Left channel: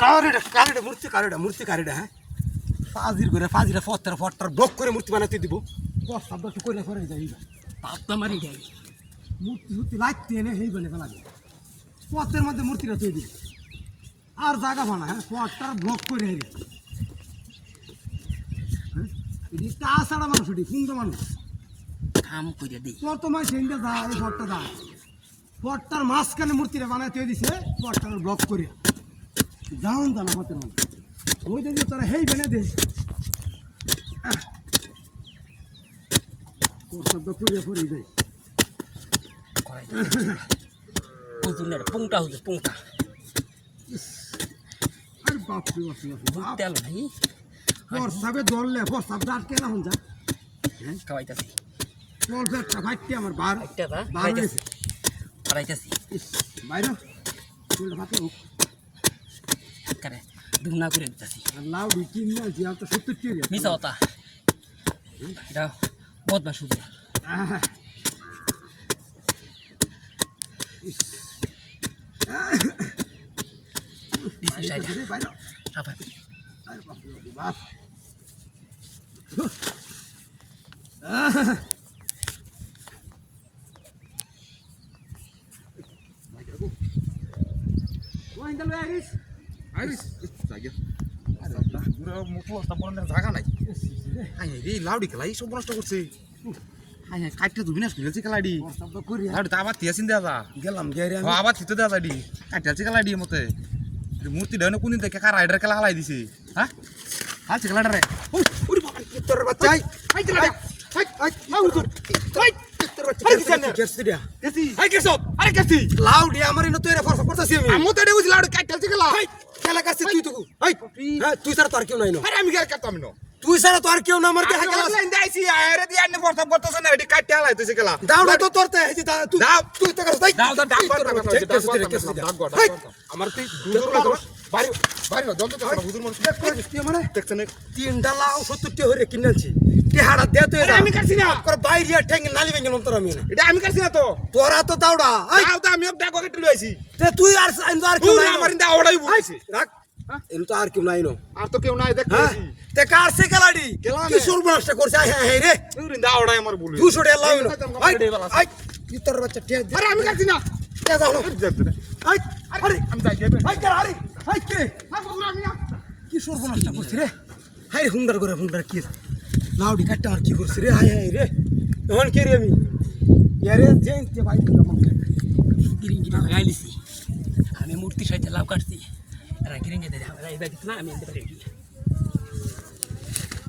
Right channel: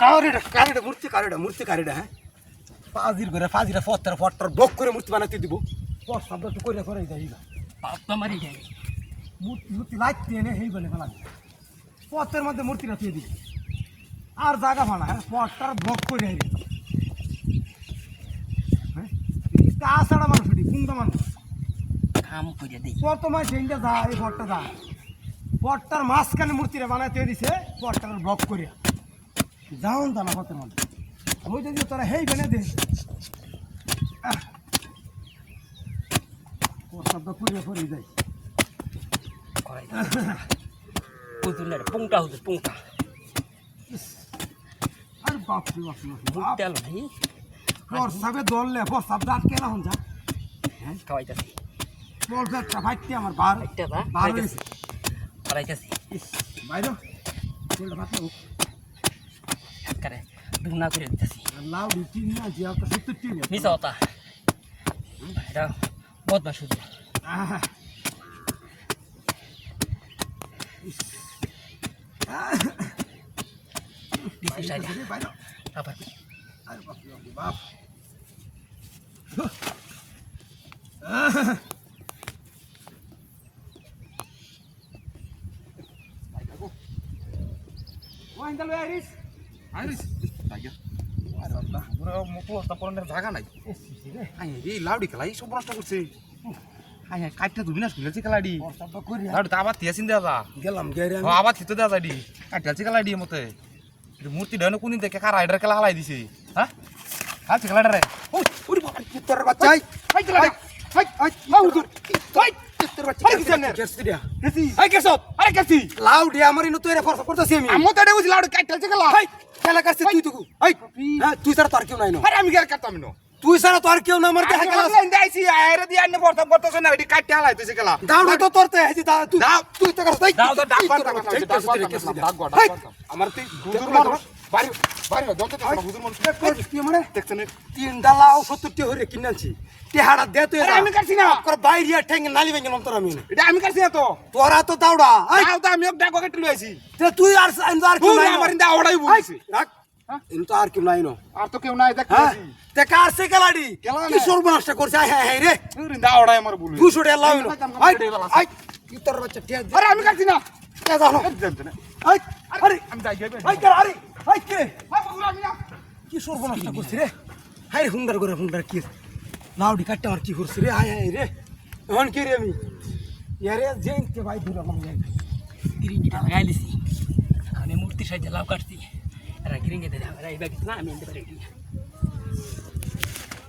কারেটা মূর্তি কারেটা হ্যাঁ ফাজিরা ফট্টার ব্লক করে মূর্তি বানাতে দিব সাবটা তো করে ফেরাই যাই পাপ্পা মারি যাবে মূর্তি লাইতে এনে হেই বলে ফেলা পথের মধ্যে মূর্তিটা তুই দিবি আর জায়গা ভাড়া হ্যাঁ পথটার ব্লক করে হেরি হ্যাঁ তাছাড়া মানুষ ওটি কোনটা মানুষ কাম করে দিই প্রথমে সেইটা যা এই পথটা যা পথটার মাঝখানে মূর্তিটা বানায় তৈরি দিছে পথটার ব্লক করে যাও জানা পথের মধ্যে ওই যদি তারা হেই বেনে দে শব্দ পুড়ে পড়ে যায় পুংটা হতো পুংটা আর বাপরে তেল নাই প্রস্তাবে দললে প্রস্তাব আটকে না হন যা হ্যাঁ খাওয়াইতেছি চল একটা ফাইটটি আমার বার হয়েছে হারাইতেছি বাইরে চলটা ফাটে হোক করে দুনা করে দিতেছি আর লাউ বিটিন না জিয়া তো 70 টিয়া মিছা হতা এটা বদমাশ শুধু বাপ জায়গা নাই লাউডি খেলাই সব নষ্ট করছে কাটতে তো বিনাশ করেছে খেলাডি লাউডি তো আবার থিয়েছেন দেওয়া গেলাম আবার থিতে দেওয়া যাডি কাটতে খেলাডি মতে মূর্তি ডানে কোন দিন থেকে কার রাইডার খেলা হালাই দিছে হ্যাঁ হালছে খেলাটা রে তোর বাচ্চা লাউডি আমার ইনো তৈরি খরচ করতেছি আমি আমি তো দেখছি লাউডি কাটতে খেলা খেলা কাছে তুই তো তুই ছাড়া তো আর কেউ নাই আরে আমি গেল কাটতাম না তুই ছাড়া তো আর কেউ না আমার দেখা খেলা আইছি আরে দি আন্নে বর্তমান করতেছ না এটি কাটতে হালাইতেছে খেলা দাউড়া তো তোরতে হেজি তুই দাও তুই তো করছ দাও আমার তুই হুজুর মানুষ বাড়ি বাড়ি না দন্দ হুজুর মানুষ তুই মানে দেখছেন তিনটা লাউ 70 টি হরে কিনছি টেহাড়া দে তুই আমি কাটছি না করে বাইরে ঠেঙ্গে নালি ভেঙে তোর আমি এটা আমি কাটছি না তো তোরা তো দাউড়া দাও তো আমি ডাকো কেটে লইছি তে তুই আর কেউ নাই আমার ইন্দা ওড়াই বলছি রাখ ইন তো আর কেউ নাই নো আর তো কেউ নাই দেখ হ্যাঁ তে কার সে খেলাডি খেলা কি সর্বনাশটা করছে হ্যাঁ হ্যাঁ রে ইন্দা ওড়াই আমার বলি 200 টাকা লাউ আই কি তোর বাচ্চা টেক আরে আমি কাটছি না তে যাও আই আরে আমি যাই যাবে আই কার আরে আই কে আমি না কি সর্বনাশটা করছে রে হাই রে হুন্ডার কি লাউডি কাটতে আর কি করছে রে হাই হাই রে এখন কে রে আমি ইয়ারে জেনতে ভাই দিলাম আমাকে গিরিঙ্গিটা লাগাই লিছি আমি মূর্তির সাথে লাভ কাটছি এরা গিরিঙ্গে দেয় আমার এই ব্যাগ না আমি এনতে পারি